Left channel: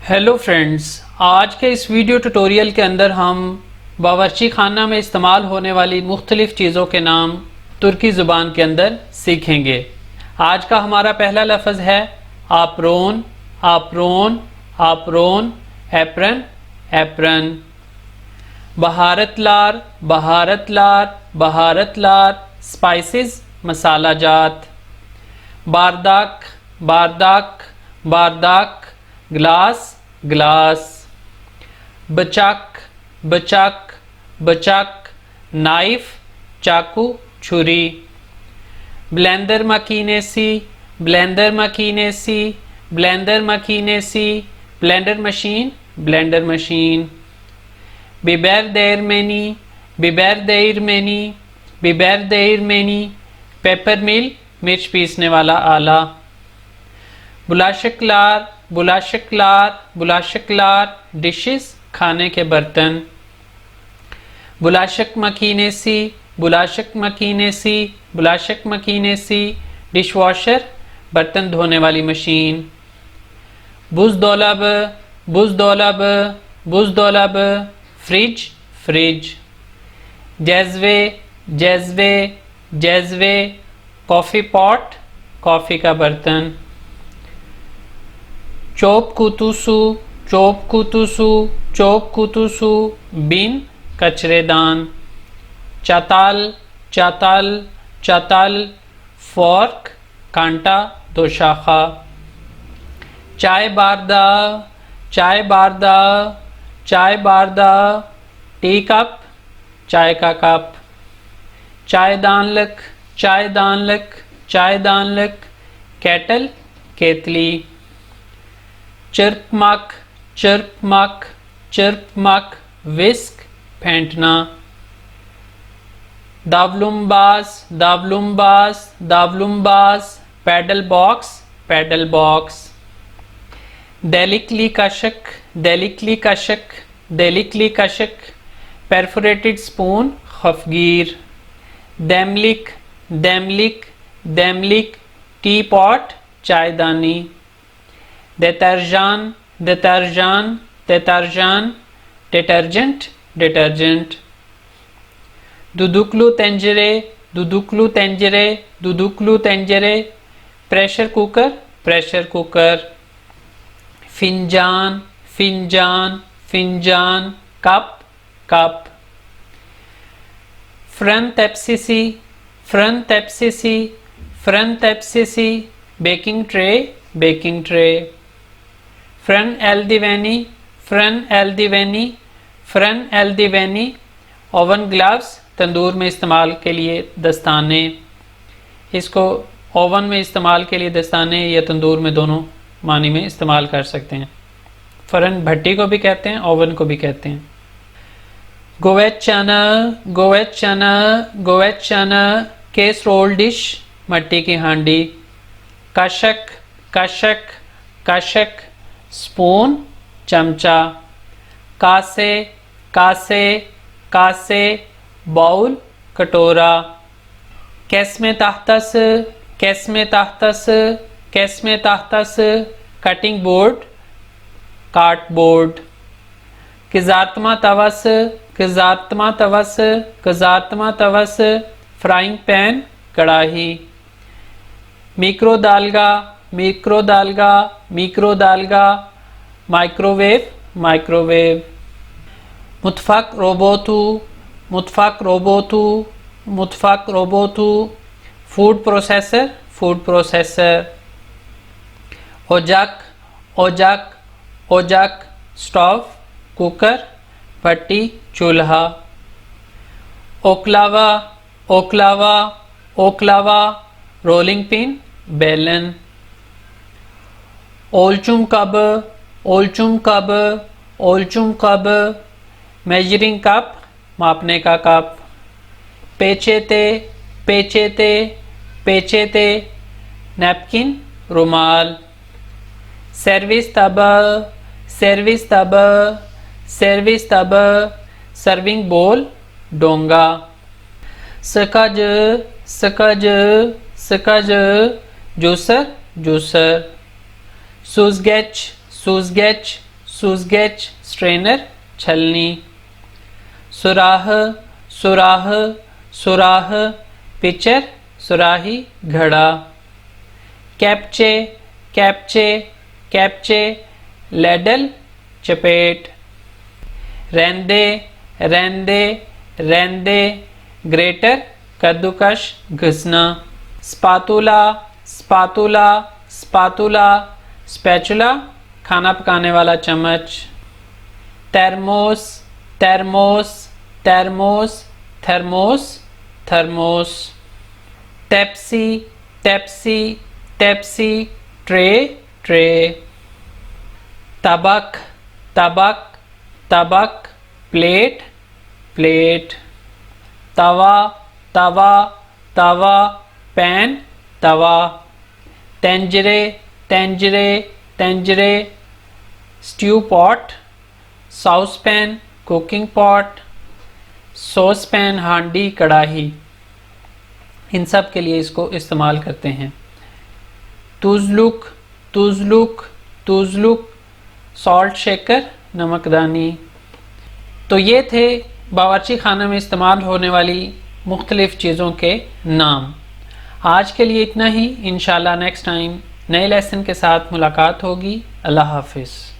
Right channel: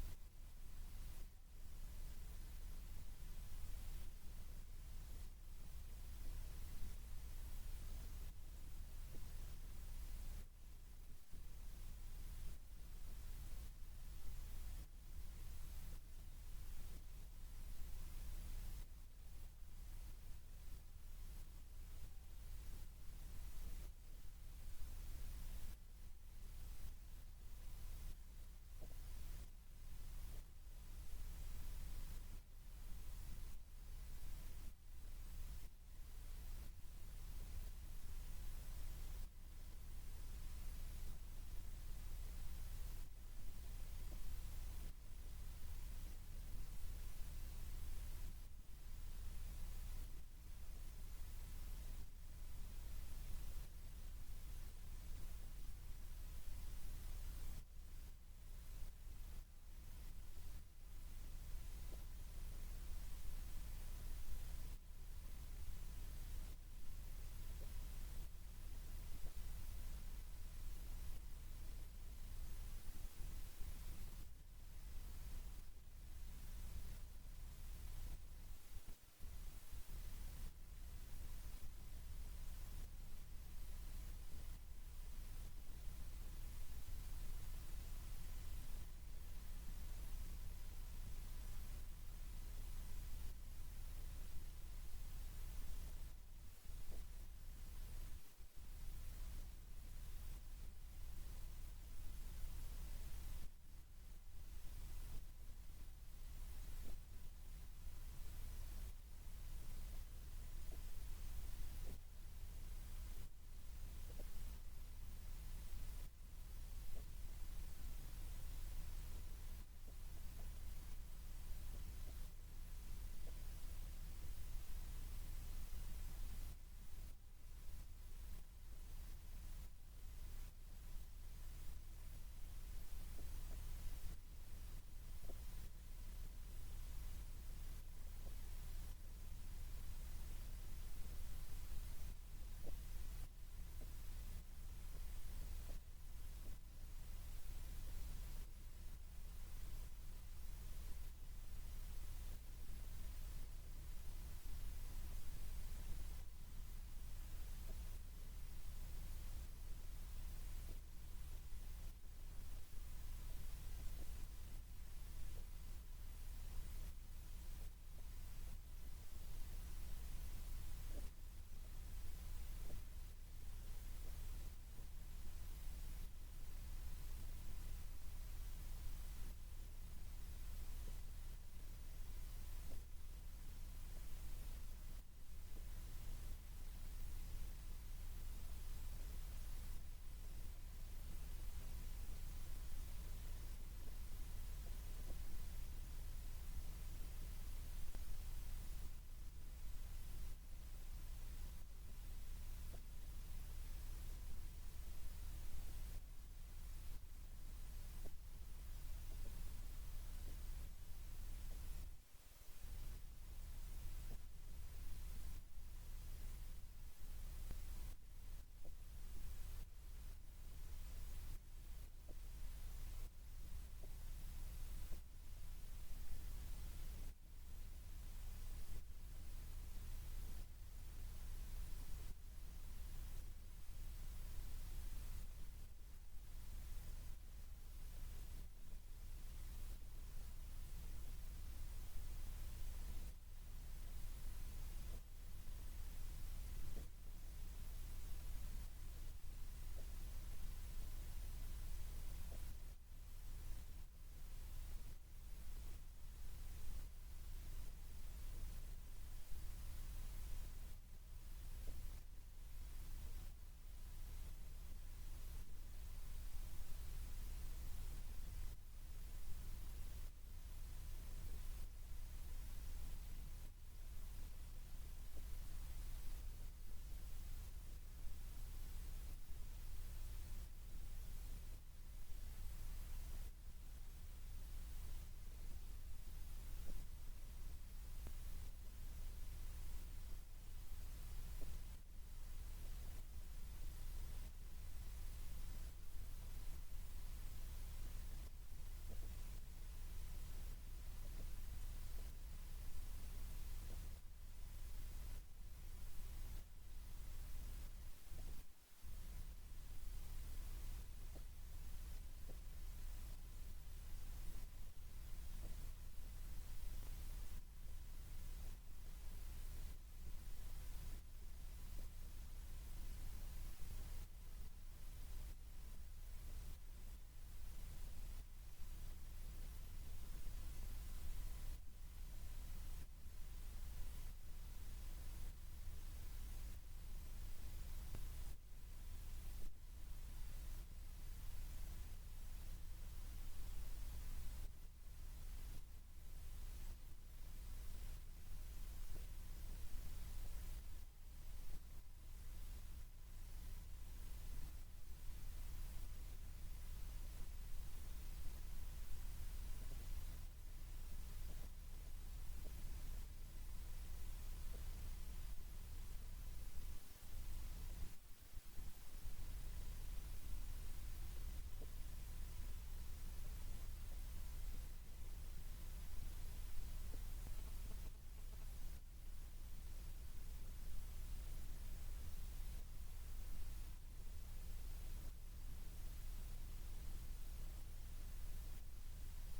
Hello friends, आज के इस वीडियो ट्यूटोरियल के अंदर हम बावर्ची खाना में इस्तेमाल होने वाली मुख्तलिफ़ चीज़ों के नाम तुर्की ज़ुबान के अंदर सीखेंगे। आज का हमारा पहला लफ्ज़ है apron. Apron, apron, apron, apron. बहारतलार, बहारतलार, बहारतलार, स्पाइसेस, मसाला जात। बारदाक, बारदाक, बारदाक, ग्लास, ग्लास। बचाक, बचाक, बचाक, नाइफ, चाकू, छुरी। ब्लेंडर मकीनेसी, ब्लेंडर मकीनेसी, ब्लेंडर मकीनेसी, ब्लेंडर मशीन, ब्लेंडर मशीन। बिबर देरमेनी, बिबर देरमेनी, बिबर देरमेनी, पेपर मिल, मिर्च पीसने वाला आला। बुलाशकलार, बुलाशकलार, बुलाशकलार, डिशेस, खाने के बर्तन। बुलाशक मकीनेसी, बुलाशक मकीनेसी, बुलाशक मकीनेसी, डिश वॉशर, बर्तन धोने वाली मशीन। बुज़दौलब, बुज़दौलब, बुज़दौलब, फ्रिज, फ्रिज। जैज़वे, जैज़वे, जैज़वे, कॉफ़ी पॉट, कॉफ़ी का बर्तन। चोप कुतुसु, चोप कुतुसु, चोप कुतुसु, बिन, कचरेदान। चाताल, चाताल, चाताल, फॉर्क, कांटा, दो शाखा। चाय बारदा, चाय बारदा, चाय बारदा, टी कप, चाय का कप। चाय दानलक, चाय दानलक, चाय दानलक, केटल, केतली। चिर्पमक, चिर्पमक, चिर्पमक, विस्क, फेंटना। दावलुम्बाज, दावलुम्बाज, दावलुम्बाज, पैडल बॉक्स, पैडल बॉक्स। डेलिकली कशक, डेलिकली कशक, डेलिकली कशक, परफोरेटेड स्पून, खफगीर। दैमलिक, दैमलिक, दैमलिक, टी पॉट, चायदानी। deterjan, deterjan, deterjan, detergent, detergent। दुदुकलू तेंजरे, दुदुकलू तेंजरे, दुदुकलू तेंजरे, प्रेशर कुकर, प्रेशर कुकर। फिंजान, फिंजान, फिंजान, कप, कप। फ्रन तेप्सिसी, फ्रन तेप्सिसी, फ्रन तेप्सिसी, बेकिंग ट्रे, बेकिंग ट्रे। फ्रन एल्दिवेनी, फ्रन एल्दिवेनी, फ्रन एल्दिवेनी, ओवन ग्लव्स, तंदूर में इस्तेमाल के लिए दस्ताने। इसको ओवन में इस्तेमाल के लिए दस्ताने या तंदूर में दोनों मानी में इस्तेमाल कर सकते हैं। फ्रन भट्टी को भी कहते हैं, ओवन को भी कहते हैं। गोवेचना, गोवेचना, गोवेचना, केसरोल डिश, मट्टी की हांडी। कशक, कशक, कशक, स्पून, चमचा। कासे, कासे, कासे, बाउल, कटोरा। कैस्मे ताहतस, कैस्मे ताहतस, कैस्मे ताहतस, कटिंग बोर्ड, कार्ट बोर्ड। किजातमा तवस, किजातमा तवस, किजातमा तवस, फ्राइंग पैन, कड़ाही। मिक्रो दालगा, मिक्रो दालगा, मिक्रो दालगा, माइक्रोवेव, माइक्रोवेव। मुतफक रोबोतू, मुतफक रोबोतू, मुतफक रोबोतू, फूड प्रोसेसर, फूड प्रोसेसर। ओजक, ओजक, ओजक, स्टोव, कुकर, भट्टी, चूल्हा। ओकलावा, ओकलावा, ओकलावा, रोलिंग पिन, बेलन। ओलचुम कब, ओलचुम कब, ओलचुम कब, मेजरिंग कप, मापने का कप। पेचेते, पेचेते, पेचेते, नैपकिन, रुमाल। सर्विस तब, सर्विस तब, सर्विस तब, सर्विंग बोल, डोंगा। सकज, सकज, सकज, जूसर, जूसर। सूजगेच, सूजगेच, सूजगेच स्ट्रेनर छलनी। सुराह सुराह सुराह पिचर सुराही घड़ा। कैप्चे कैप्चे कैप्चे लैडल चपेट। रेंदे रेंदे रेंदे ग्रेटर कद्दूकश घिसना। स्पातुला स्पातुला स्पातुला स्पैचुला खाना पकाने वाला चम्मच। थर्मोस थर्मोस थर्मोस थर्मोस थर्मोस। टेप्सी टेप्सी टेप्सी ट्रे ट्रे। तबक तबक तबक प्लेट प्लेट। तवा तवा तवा पैन तवा। तेंजरे तेंजरे तेंजरे stew pot. Saucepan cooking pot. Saucepan हांडी कढ़ाई। इन सब के लिए इसको इस्तेमाल करते हैं। तुज़लुक तुज़लुक तुज़लुक सॉल्ट शेकर नमकदानी। तो ये थे बावर्ची खाने में इस्तेमाल होने वाली मुख्तलिफ़ चीज़ों के नाम। आज के लिए इतना ही। इंशाल्लाह नेक्स्ट टाइम नए लेसन के साथ मुलाकात होगी। अल्लाह हाफिज़।